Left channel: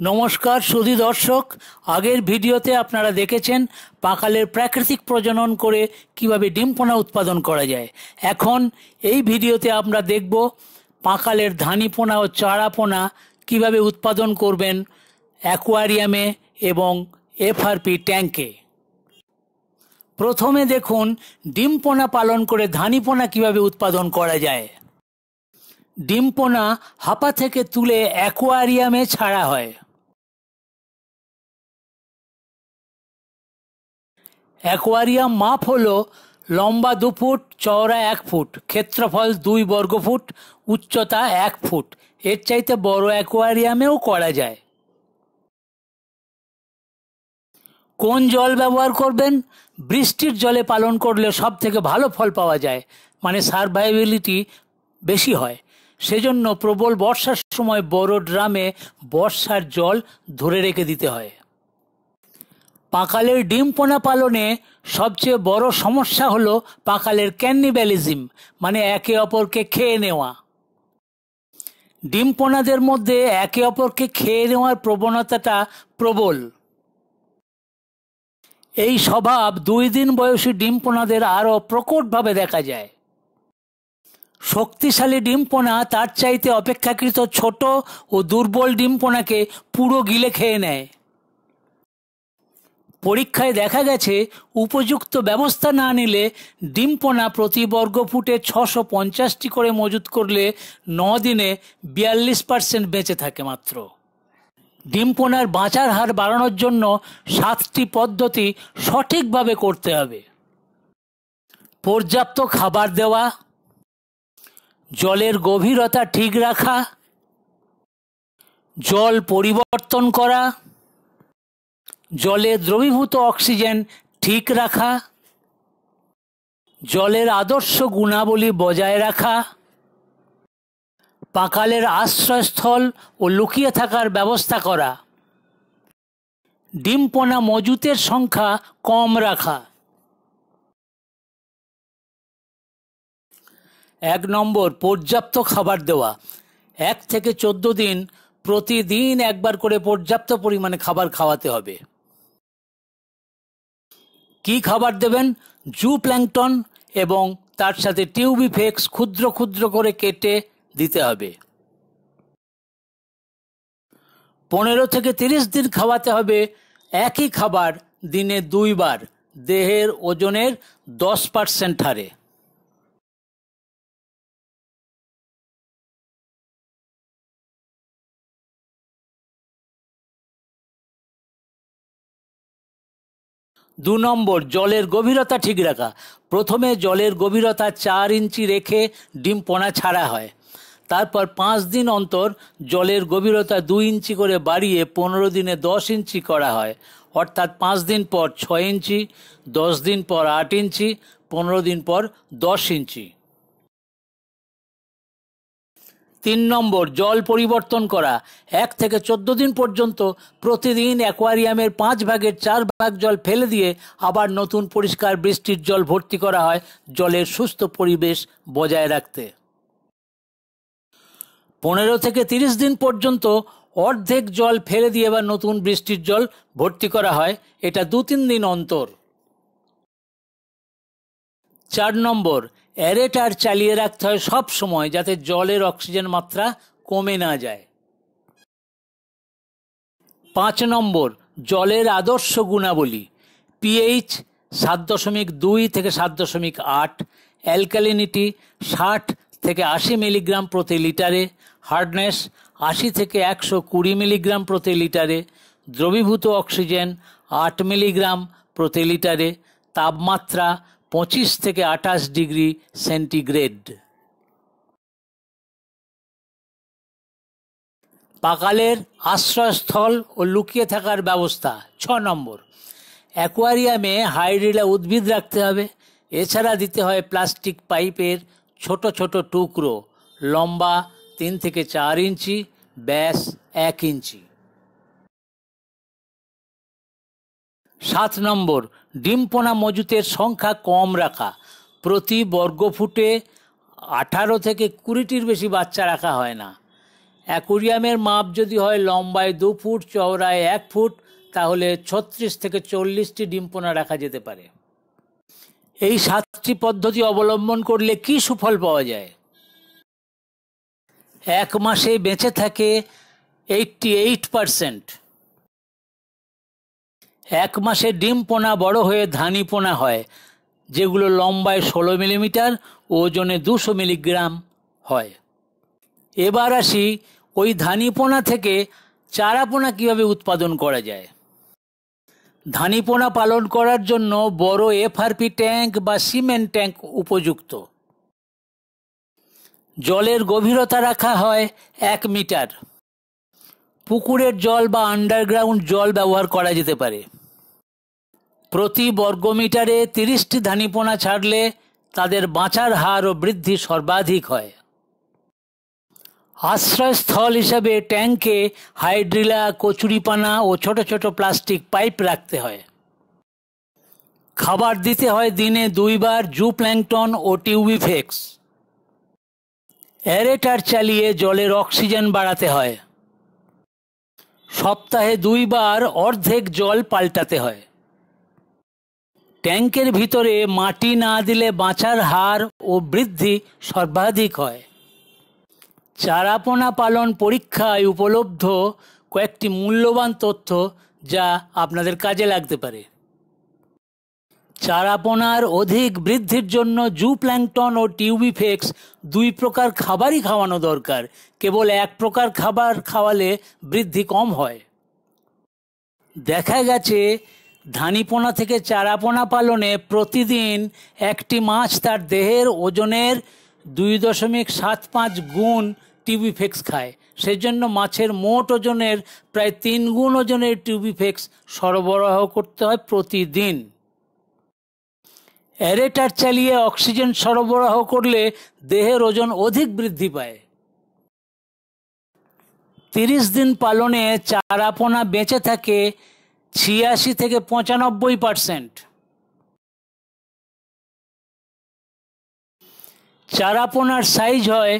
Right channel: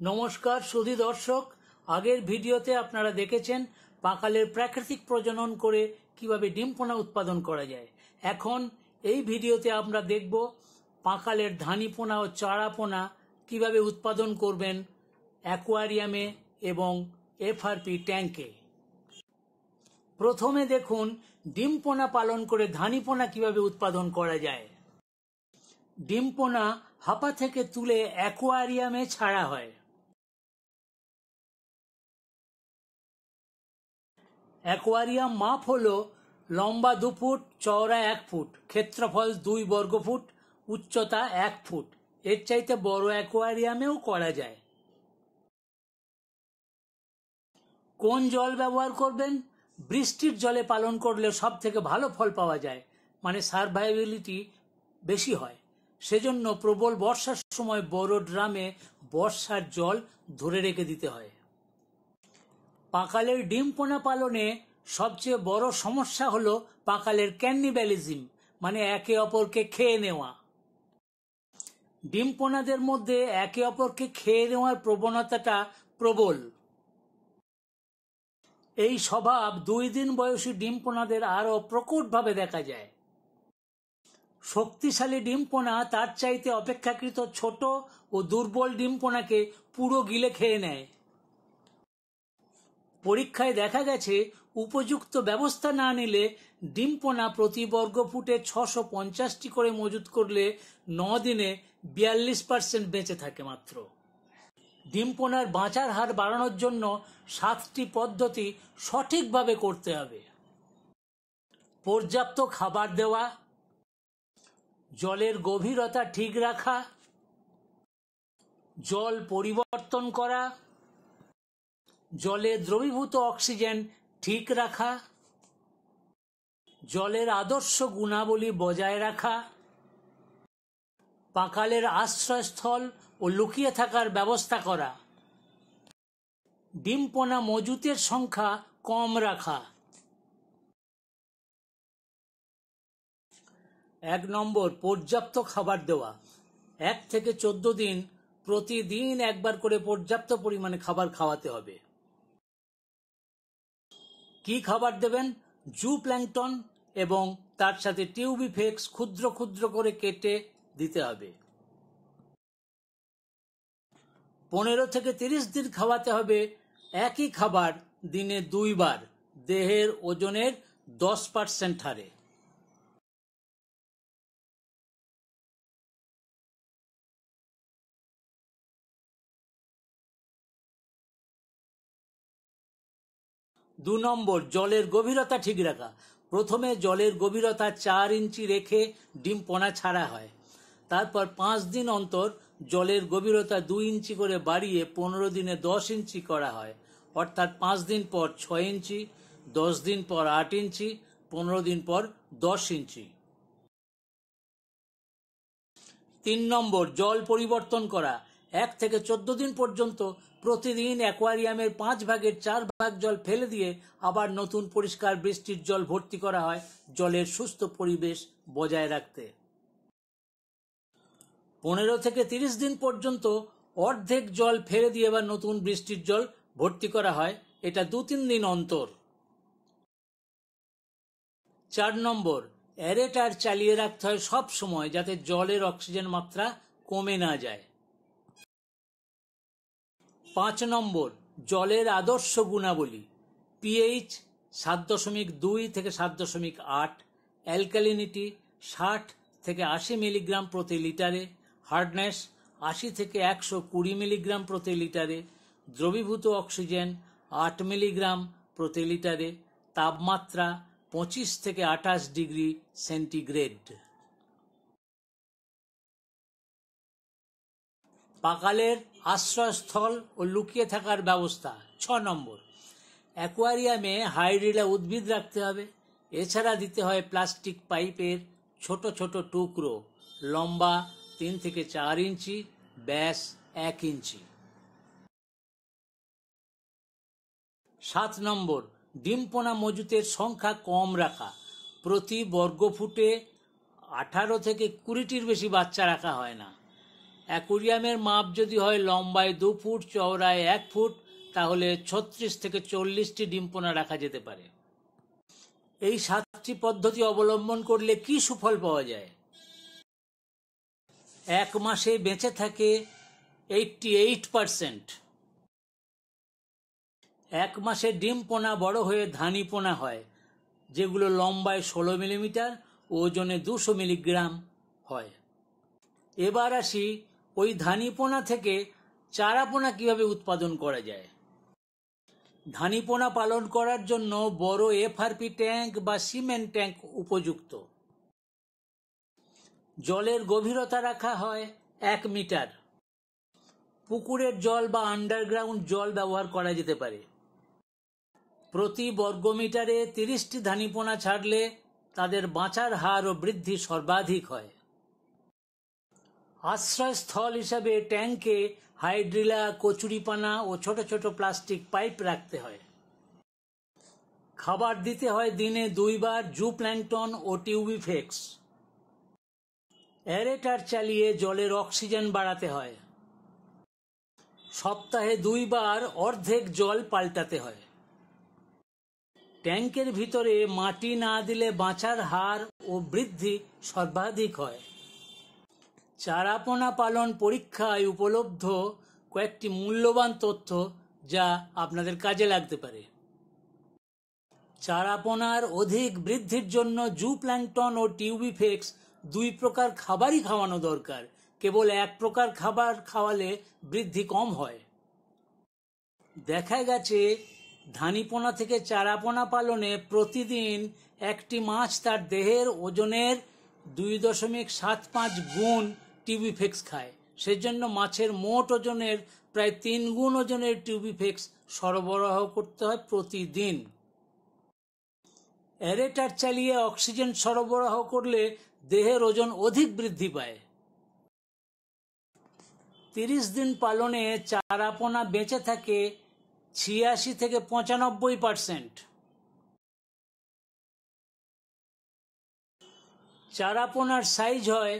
নমস্কার সুধী দর্শক, আগের ভিডিওতে আপনারা দেখেছেন পাকালের প্রাকৃতিক প্রজনন করে কিভাবে ডিম পোনা উৎপাদন করা যায়। এখন এই ভিডিওতে আমরা দেখব পাকালের ধানি পোনা ও চারা পোনা কিভাবে উৎপাদন করবেন অ্যাকোয়ারিয়ামে এবং এফআরপি ট্যাঙ্কে। প্রথমে দেখুন ডিম পোনা পালন করে ধানি পোনা কিভাবে উৎপাদন করা যায়। ডিম পোনা হাপা থেকে তুলে অ্যাকোয়ারিয়ামে ছাড়া হয়। অ্যাকোয়ারিয়াম মাপ হলো লম্বা 2 ফুট, চওড়া 1 ফুট, ক্ষেত্রফল 2 বর্গফুট, উচ্চতা 1 ফুট। এর চাইতে বড় অ্যাকোয়ারিয়ামেও করা যায়। কোন জল ব্যবহার করবেন? বৃষ্টির জলে পালন করলে সব থেকে ভালো ফল পাওয়া যায়, মানে সারভাইভেবিলিটি বেশি হয়। সেজন্য প্রবল বর্ষার সময় বড় ড্রামে বর্ষার জল ধরে রেখে দিতে হয়। পাকালের ডিম পোনা পালনে সবচেয়ে বড় সমস্যা হলো পাকালের ক্যানিবালিজম, মানে একে অপরকে খেয়ে নেওয়া। ডিম পোনাদের মধ্যে একে অপরকে খেয়ে নেওয়ার প্রবণতাটা প্রবল। এই স্বভাব 2 দিন বয়সী ডিম পোনাদের আরও প্রকটভাবে দেখা যায়। শক্তিশালী ডিম পোনা তার চাইতে অপেক্ষাকৃত ছোট ও দুর্বল ডিম পোনাকে পুরো গিলে খেয়ে নেয়। পরীক্ষায় দেখা গেছে উপযুক্ত ব্যবস্থা না নিলে ডিম পোনা প্রতি বর্গফুটে 650টি করে মজুত করলে 9 দিনে 42% বেঁচে থাকে মাত্র। ডিম পোনার বাঁচার হার বাড়ানোর জন্য 7টি পদ্ধতি সঠিকভাবে করতে হবে। পর্যাপ্ত খাবার দেওয়া, জলের গভীরতা ঠিক রাখা, জল পরিবর্তন করা, জলে দ্রবীভূত অক্সিজেন ঠিক রাখা, জলের আদর্শ গুণাবলী বজায় রাখা, পাকালের আশ্রয়স্থল ও লুকিয়ে থাকার ব্যবস্থা করা, ডিম পোনা মজুতের সংখ্যা কম রাখা। 1 নম্বর, পর্যাপ্ত খাবার দেওয়া। 1 থেকে 14 দিন প্রতিদিন একবার করে পর্যাপ্ত পরিমাণে খাবার খাওয়াতে হবে। কি খাবার দেবেন? জু প্ল্যাঙ্কটন এবং তার সাথে টিউবিফেক্স ক্ষুদ্র ক্ষুদ্র করে কেটে দিতে হবে। 15 থেকে 30 দিন খাওয়াতে হবে একই খাবার দিনে 2 বার, দেহের ওজনের 10% হারে। দু নম্বর, জলের গভীরতা ঠিক রাখা। প্রথমে জলের গভীরতা 4 ইঞ্চি রেখে ডিম পোনা ছাড়া হয়। তারপর 5 দিন অন্তর জলের গভীরতা 2 ইঞ্চি করে বাড়িয়ে 15 দিনে 10 ইঞ্চি করা হয়। অর্থাৎ 5 দিন পর 6 ইঞ্চি, 10 দিন পর 8 ইঞ্চি, 15 দিন পর 10 ইঞ্চি। 3 নম্বর, জল পরিবর্তন করা। 1 থেকে 14 দিন পর্যন্ত প্রতিদিন অ্যাকোয়ারিয়ামের 5 ভাগের 4 ভাগ জল ফেলে দিয়ে আবার নতুন পরিষ্কার বৃষ্টির জল ভর্তি করা হয় জলের সুস্থ পরিবেশ বজায় রাখতে। 15 থেকে 30 দিন পর্যন্ত অর্ধেক জল ফেলে দিয়ে আবার নতুন বৃষ্টির জল ভর্তি করা হয়, এটা 2-3 দিন অন্তর। 4 নম্বর, অ্যারেটার চালিয়ে রাখতে হয় সব সময়, যাতে জলের অক্সিজেন মাত্রা কমে না যায়। 5 নম্বর, জলের আদর্শ গুণাবলী। পিএইচ 7.2 থেকে 7.8, অ্যালকালিনিটি 60 থেকে 80 মিলিগ্রাম প্রতি লিটারে, হার্ডনেস 80 থেকে 120 মিলিগ্রাম প্রতি লিটারে, দ্রবীভূত অক্সিজেন 8 মিলিগ্রাম প্রতি লিটারে, তাপমাত্রা 25 থেকে 28 ডিগ্রি সেন্টিগ্রেড। পাকালের আশ্রয়স্থল ও লুকিয়ে থাকার ব্যবস্থা। 6 নম্বর, অ্যাকোয়ারিয়ামে হাইড্রিলা উদ্ভিদ রাখতে হবে। এছাড়া দিতে হয় প্লাস্টিক পাইপের ছোট ছোট টুকরো, লম্বা 3 থেকে 4 ইঞ্চি, ব্যাস 1 ইঞ্চি। 7 নম্বর, ডিম পোনা মজুতের সংখ্যা কম রাখা। প্রতি বর্গফুটে 18 থেকে 20টির বেশি বাচ্চা রাখা হয় না। অ্যাকুরিয়ামের মাপ যদি হয় লম্বায় 2 ফুট, চওড়ায় 1 ফুট, তাহলে 36 থেকে 40টি ডিম পোনা রাখা যেতে পারে। এই 7টি পদ্ধতি অবলম্বন করলে কি সুফল পাওয়া যায়? 1 মাসে বেঁচে থাকে 88%। 1 মাসে ডিম পোনা বড় হয়ে ধানি পোনা হয়, যেগুলো লম্বায় 16 মিলিমিটার, ওজনে 200 মিলিগ্রাম হয়। এবার আসি ওই ধানি পোনা থেকে চারা পোনা কীভাবে উৎপাদন করা যায়। ধানি পোনা পালন করার জন্য বড় এফআরপি ট্যাঙ্ক বা সিমেন্ট ট্যাঙ্ক উপযুক্ত। জলের গভীরতা রাখা হয় 1 মিটার। পুকুরের জল বা আন্ডারগ্রাউন্ড জল ব্যবহার করা যেতে পারে। প্রতি বর্গমিটারে 30টি ধানিপোনা ছাড়লে তাদের বাঁচার হার ও বৃদ্ধি সর্বাধিক হয়। আশ্রয়স্থল হিসাবে ট্যাঙ্কে হাইড্রিলা, কচুরিপানা ও ছোট ছোট প্লাস্টিক পাইপ রাখতে হয়। খাবার দিতে হয় দিনে 2 বার জুপ্ল্যাঙ্কটন ও টিউবিফেক্স। অ্যারেটার চালিয়ে জলের অক্সিজেন বাড়াতে হয়। সপ্তাহে 2 বার অর্ধেক জল পাল্টাতে হয়। ট্যাঙ্কের ভিতরে মাটি না দিলে বাঁচার হার ও বৃদ্ধি সর্বাধিক হয়। চারাপোনা পালন পরীক্ষায় উপলব্ধ কয়েকটি মূল্যবান তথ্য যা আপনাদের কাজে লাগতে পারে। চারাপোনার অধিক বৃদ্ধির জন্য জুপ্ল্যাঙ্কটন ও টিউবিফেক্স 2 প্রকার খাবারই খাওয়ানো দরকার। কেবল 1 প্রকার খাবার খাওয়ালে বৃদ্ধি কম হয়। দেখা গেছে ধানিপোনা থেকে চারাপোনা পালনে প্রতিদিন একটি মাছ তার দেহের ওজনের 2.75 গুণ টিউবিফেক্স খায়। সেজন্য মাছের মোট ওজনের প্রায় 3 গুণ ওজনের টিউবিফেক্স সরবরাহ করতে হয় প্রতিদিন। অ্যারেটার চালিয়ে অক্সিজেন সরবরাহ করলে দেহের ওজন অধিক বৃদ্ধি পায়। 30 দিন পালনে চারাপোনা বেঁচে থাকে 86 থেকে 95%। চারাপোনার সাইজ হয়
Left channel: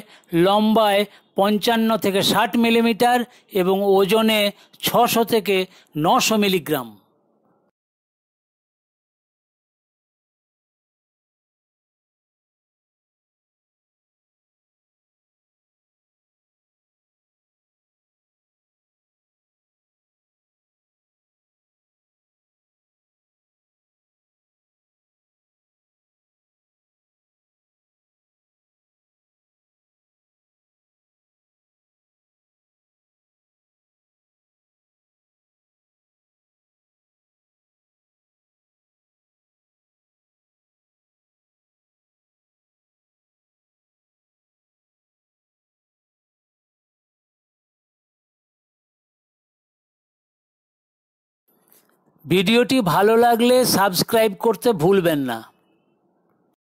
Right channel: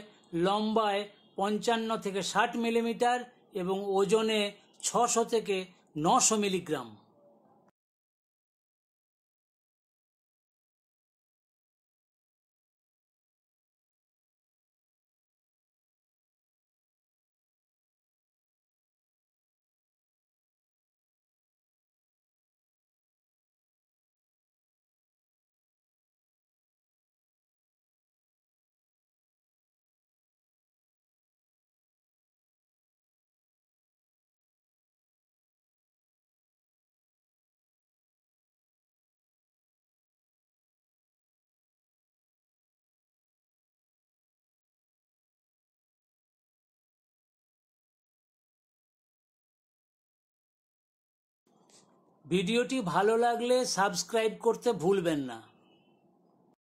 লম্বায় 55 থেকে 60 মিলিমিটার এবং ওজনে 600 থেকে 900 মিলিগ্রাম। ভিডিওটি ভালো লাগলে সাবস্ক্রাইব করতে ভুলবেন না।